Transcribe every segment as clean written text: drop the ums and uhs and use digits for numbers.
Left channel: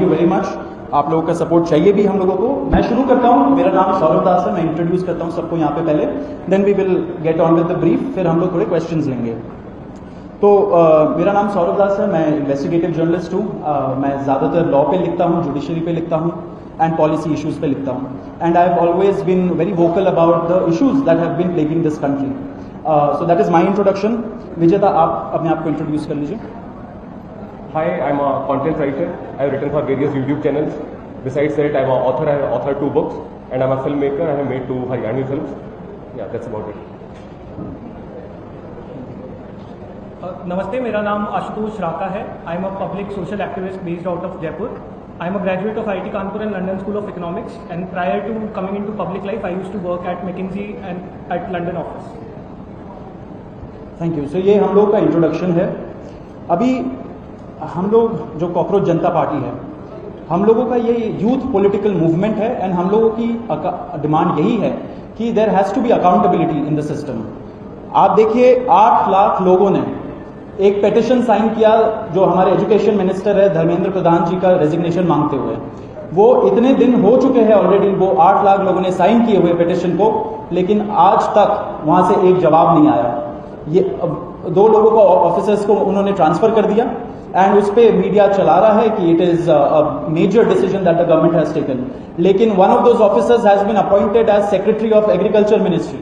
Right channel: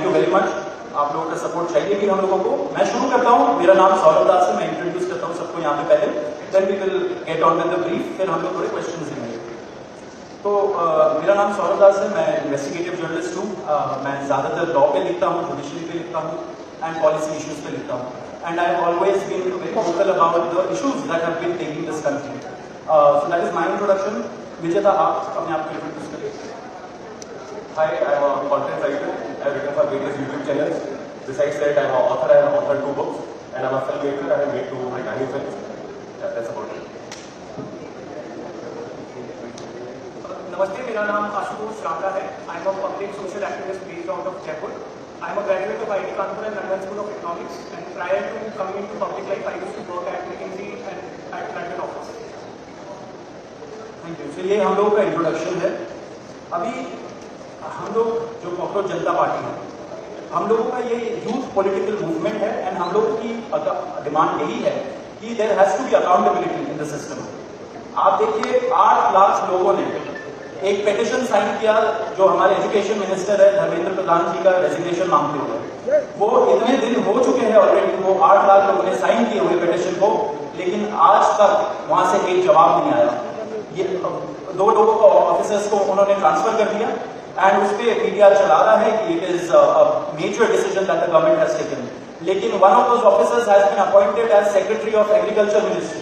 Thank you very much. आप लोगों का सपोर्ट चाहिए भी हम लोगों को। मैं शुरू करता हूँ। मेरा नाम सौरभ दास है। मैं इंट्रोड्यूस करता हूँ सबको यहाँ पे पहले, then we will get on with the brief, फिर हम लोग थोड़े क्वेश्चंस लेंगे। तो मेरा नाम सौरभ दास है। मैं इन्वेस्टिगेटिव जर्नलिस्ट हूँ। मैं ज़्यादातर लॉ पे लिखता हूँ, जुडिशरी पे लिखता हूँ एंड पॉलिसी इश्यूज पे लिखता हूँ। And I have always been very vocal about the issues that have been plaguing this country. So that is my introduction. Vijeta, आप अपने आप को इंट्रोड्यूस कर लीजिए। Hi, I'm a content writer. I've written for various YouTube channels. Besides that, I'm an author. I have authored 2 books, and I'm a filmmaker. I have made 2 Haryani films. Yeah, that's about it. नमस्ते, मेरा नाम आशुतोष राका है। I am a public social activist based out of Jaipur. I am a graduate of IIT Kanpur and London school of economics, and prior to coming into public life I used to work at McKinsey and at London office. Thank you. So ये हम लोगों का introduction है। अभी हम लोग जो cockroach जनता party है, हम लोगों का ये यूथ पॉलिटिकल मूवमेंट है एंड हम लोगों की डिमांड यही है कि there has to be accountability in the system. आप देखिए, 8 लाख लोगों ने एक पेटिशन साइन किया जो हमारे एजुकेशन मिनिस्टर है धर्मेंद्र प्रधान जी का रेजिग्नेशन मांगते हुए। वो इतने दिन हो चुके हैं ऑलरेडी, वो 8 लाख लोगों ने साइन किए हुए पेटिशन को, लेकिन आज तक वहां से एक जवाब नहीं आया। ये 2 लोगों को ऑफिसर्स को उन्होंने ट्रांसफर कर दिया एंड उस पर मीडिया चला रहा है कि it is a major decision that the government has taken. लेकिन one of those officers has been appointed as secretary of agriculture ministry,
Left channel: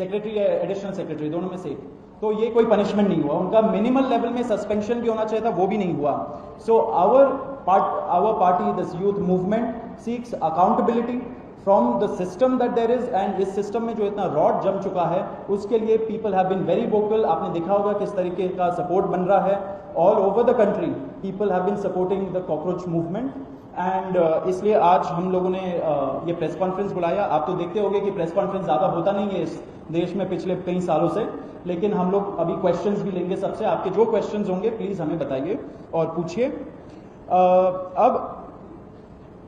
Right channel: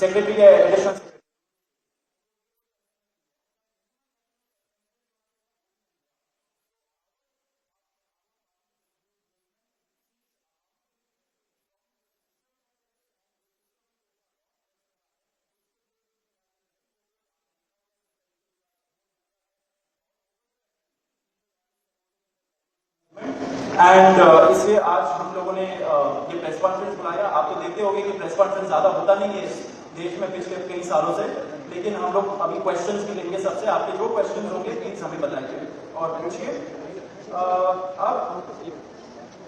secretary या एडिशनल सेक्रेटरी, दोनों में से। तो ये कोई पनिशमेंट नहीं हुआ, उनका मिनिमल लेवल में सस्पेंशन भी होना चाहिए था, वो भी नहीं हुआ। So our party, this youth movement seeks accountability from the system that there is, and इस सिस्टम में जो इतना रॉड जम चुका है उसके लिए people have been very vocal. आपने देखा होगा किस तरीके का सपोर्ट बन रहा है all over the country. People have been supporting the cockroach movement and इसलिए आज हम लोगों ने ये प्रेस कॉन्फ्रेंस बुलाया। आप तो देखते होंगे कि प्रेस कॉन्फ्रेंस ज़्यादा होता नहीं है इस देश में पिछले कई सालों से, लेकिन हम लोग अभी क्वेश्चंस भी लेंगे सबसे। आपके जो क्वेश्चंस होंगे प्लीज हमें बताइए और पूछिए। अब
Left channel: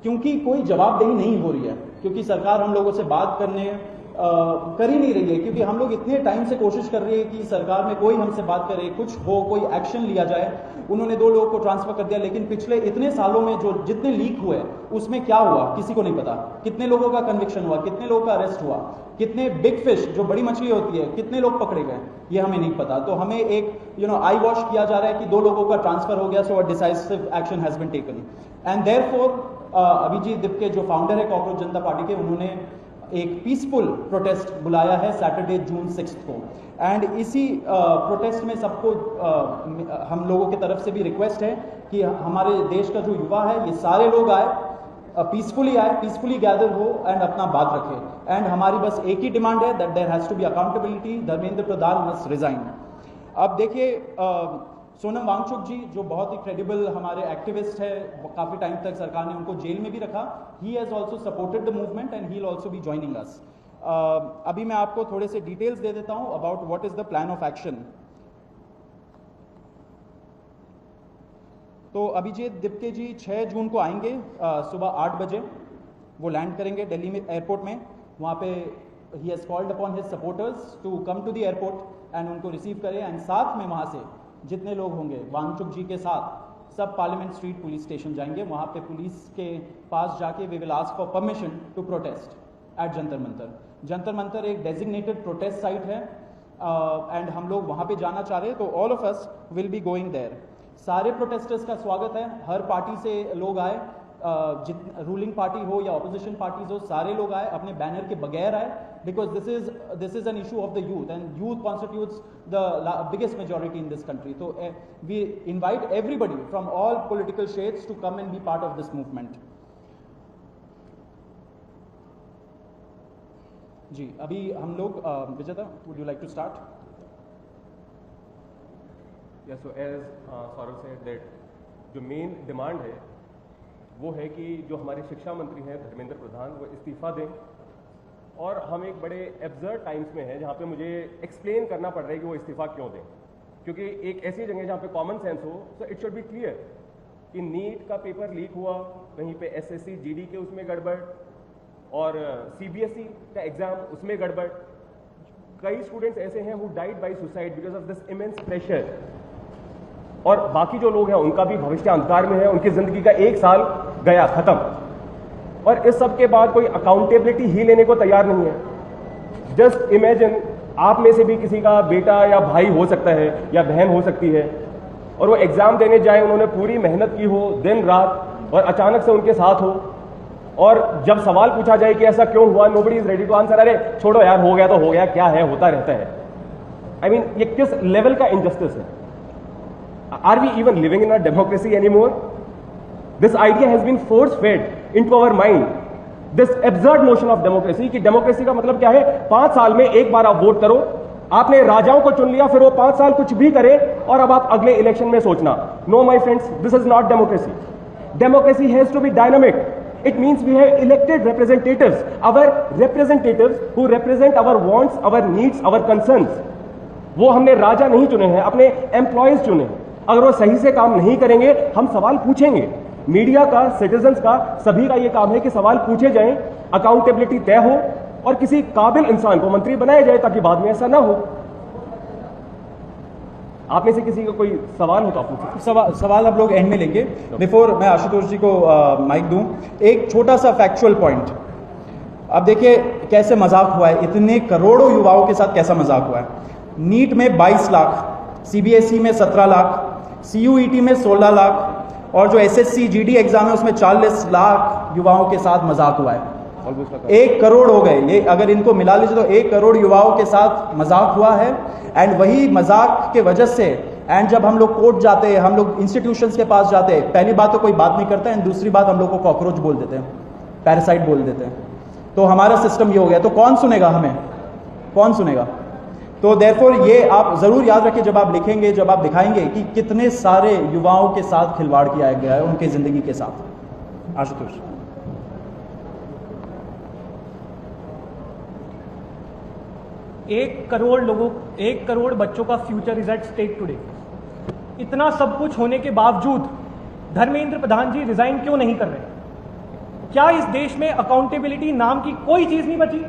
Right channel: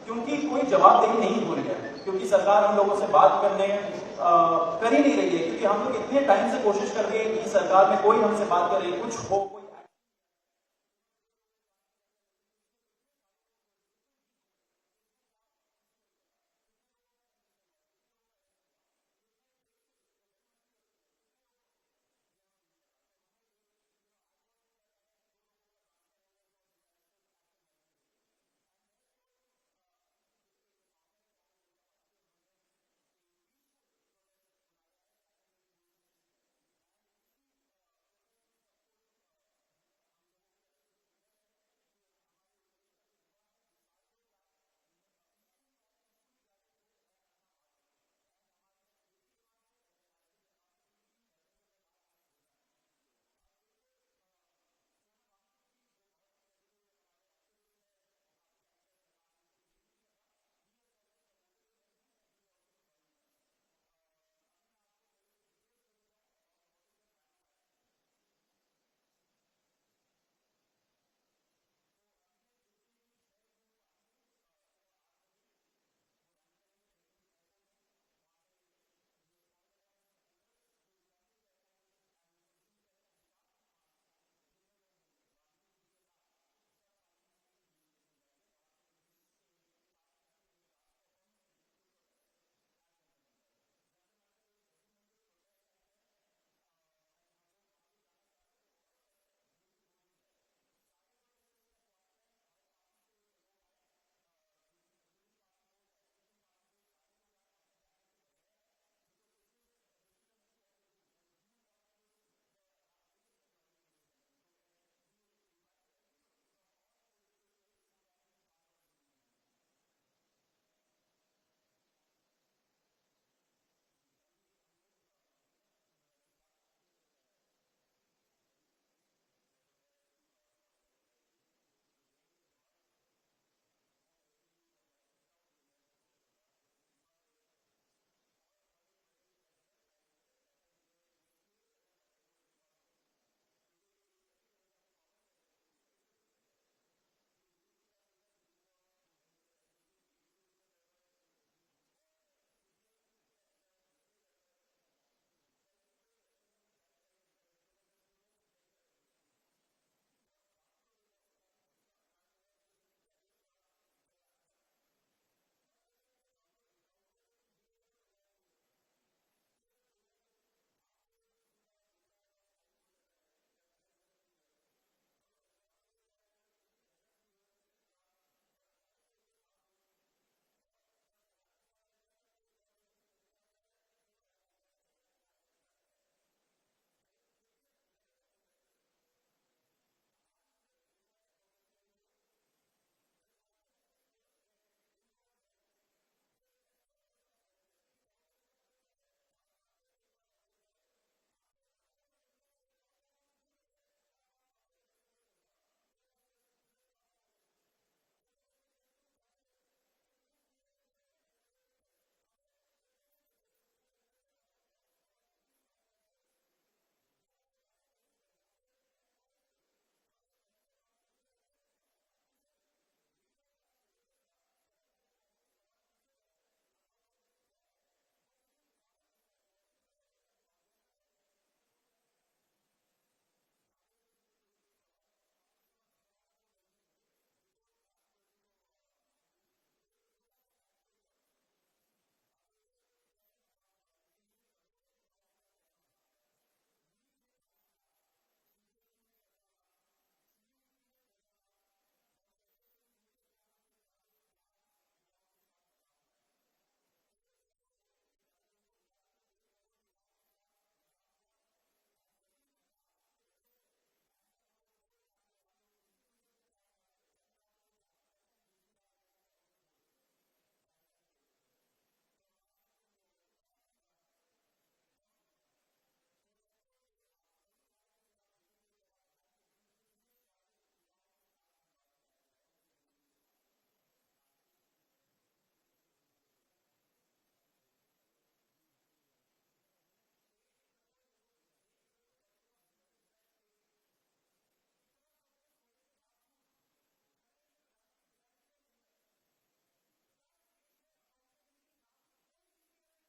क्योंकि कोई जवाबदेही नहीं हो रही है, क्योंकि सरकार हम लोगों से बात करने कर ही नहीं रही है, क्योंकि हम लोग इतने टाइम से कोशिश कर रहे हैं कि सरकार में कोई हमसे बात करे, कुछ हो, कोई एक्शन लिया जाए। उन्होंने 2 लोगों को ट्रांसफर कर दिया, लेकिन पिछले इतने सालों में जो जितने लीक हुए उसमें क्या हुआ किसी को नहीं पता। कितने लोगों का कन्विक्शन हुआ, कितने लोगों का अरेस्ट हुआ, कितने बिग फिश जो बड़ी मछली होती है कितने लोग पकड़े गए, ये हमें नहीं पता। तो हमें एक आई वॉश किया जा रहा है कि 2 लोगों का ट्रांसफर हो गया, so a decisive action has been taken. And therefore Abhijit Dipke जो फाउंडर है कॉकरोच जनता पार्टी के, उन्होंने एक पीसफुल प्रोटेस्ट बुलाया है सैटरडे जून 6 को। एंड इसी प्रोटेस्ट में सबको हम लोगों की तरफ से भी रिक्वेस्ट है कि हमारे देश का जो युवा है ये सारे लोग आए, पीसफुली आए, पीसफुली गैदर हो एंड अपना बात रखें। एंड हमारी बस एक ही डिमांड है that there has to be accountability, Dharmendra Pradhan must resign. अब देखिए, सोनम वांगचुक जी जो बहुत ही क्रेडिबल हमारे एक्टिविस्ट है, काफ़ी टाइम तक सरकार ने उनको जेल में भी रखा। He has also supported the movement and he will also be joining us. अभी मैं आपको थोड़े से डिटेल्स दे देता हूं about what is the plan of action. तो अभिजीत दिपके जी 6 जून को आएंगे सुबह 8 बजे। वो लैंड करेंगे दिल्ली में एयरपोर्ट में। वहाँ पे ही has called upon his supporters to come to the airport and उनको रिसीव करें। एंड साथ में वहाँ से जितने लोग होंगे वांगचुक जी के साथ सब पार्लियामेंट स्ट्रीट पुलिस स्टेशन जाएंगे। वहाँ पे पुलिस के पास जाके we will ask for permission to protest at Jantar. Jantar एक डेजिग्नेटेड प्रोटेस्ट साइट है एंड हम लोग वहाँ पे जाना चाह रहे हैं, तो all of us will be going there. सारे प्रोटेस्टर्स का स्वागत है, हर पार्टी से लोग आए, रूलिंग पार्टी हो या ऑपोजिशन पार्टीज हो, सारे लोग आए, अपने बैनर के बगैर आए, because this is an issue of the youth and youth constitutes the biggest majority in this country. So we invite everybody from all political shades to come and be part of this movement. जी, अभी हम लोग विजेता, would you like to start? Yeah, so as Saurav said that जो main demand है वो है कि जो हमारे शिक्षा मंत्री हैं धर्मेंद्र प्रधान, वो इस्तीफा दें। और हम एक बड़े एब्सर्ड टाइम्स में हैं जहाँ पे मुझे एक्सप्लेन करना पड़ रहा है कि वो इस्तीफा क्यों दें, क्योंकि एक ऐसी जगह जहाँ पे कॉमन सेंस हो, so it should be clear कि नीट का पेपर लीक हुआ, वहीं पे SSC GD के उसमें गड़बड़ और CBSE का एग्जाम उसमें गड़बड़। कई स्टूडेंट्स ऐसे हैं who died by suicide because of this immense pressure. और बाकी जो लोग हैं उनका भी भविष्य अंधकार में है, उनकी जिंदगी का 1 साल गया खत्म, और इस सब के बाद कोई अकाउंटेबिलिटी ही लेने को तैयार नहीं है। जस्ट इमेजिन, आप में से भी किसी का बेटा या भाई हो सकता है या बहन हो सकती है, और वो एग्जाम देने जाए, उन्होंने पूरी मेहनत की हो दिन रात, और अचानक से उनके साथ हो, और जब सवाल पूछा जाए कि ऐसा क्यों हुआ, nobody is ready to answer, अरे छोड़ो यार, हो गया तो हो गया, क्या है, होता रहता है। आई मीन, ये किस लेवल का इनजस्टिस है? Are we even living in a democracy anymore? This idea has been force fed into our mind, this absurd notion of democracy, कि डेमोक्रेसी का मतलब क्या है? 5 साल में एक बार आप वोट करो, आपने राजाओं को चुन लिया, फिर वो 5 साल कुछ भी करे, और अब आप अगले इलेक्शन में सोचना। No my friends, this is not democracy. Democracy has to be dynamic. It means we have elected representatives, our representatives who represent our wants, our needs, our concerns. वो हमने राजा नहीं चुने हैं, अपने एम्प्लॉयज चुने हैं। अगर वो सही से काम नहीं करेंगे, हम सवाल पूछेंगे। मीडिया का, सिटीजन्स का, सभी का ये काम है कि सवाल पूछे जाएं, अकाउंटेबिलिटी तय हो, और किसी काबिल इंसान को मंत्री बनाया जाए ताकि बाद में ऐसा ना हो। आप में से किसी का कोई सवाल हो तो आप पूछिए। सवाल आप लोग एंड में लेंगे। बिफोर मैं आशुतोष जी को माइक दूं, एक छोटा सा फैक्चुअल पॉइंट। अब देखिए कैसे मजाक हुआ है, इतने करोड़ों युवाओं के साथ कैसा मजाक हुआ है। नीट में 22 लाख, सीबीएसई में 17 लाख, सीयूईटी में 16 लाख, और जो एसएससी जीडी एग्जाम है उसमें 40 लाख युवाओं के साथ मजाक हुआ है। 1 करोड़ हो गए ये, अगर इनको मिला लीजिए तो 1 करोड़ युवाओं के साथ मजाक हुआ है। एंड वही मजाक के वजह से, एंड जब हम लोग कोर्ट जाते हैं, हम लोग इंस्टीट्यूशंस के पास जाते हैं, पहली बात तो कोई बात नहीं करता है, एंड दूसरी बात हम लोग को कॉकरोच बोल देते हैं, पैरासाइट बोल देते हैं। तो हमारा सिस्टम ये हो गया, तो कौन सुनेगा हमें, कौन सुनेगा? तो देयरफॉर ये आप जरूर याद रखिए जब आप लिखेंगे, जब आप दिखाएंगे कि कितने सारे युवाओं के साथ खिलवाड़ किया गया है उनके जिंदगी के साथ। आशुतोष। 1 करोड़ बच्चों का future is at stake today. इतना सब कुछ होने के बावजूद धर्मेंद्र प्रधान जी रिजाइन क्यों नहीं कर रहे? क्या इस देश में अकाउंटेबिलिटी नाम की कोई चीज नहीं बची?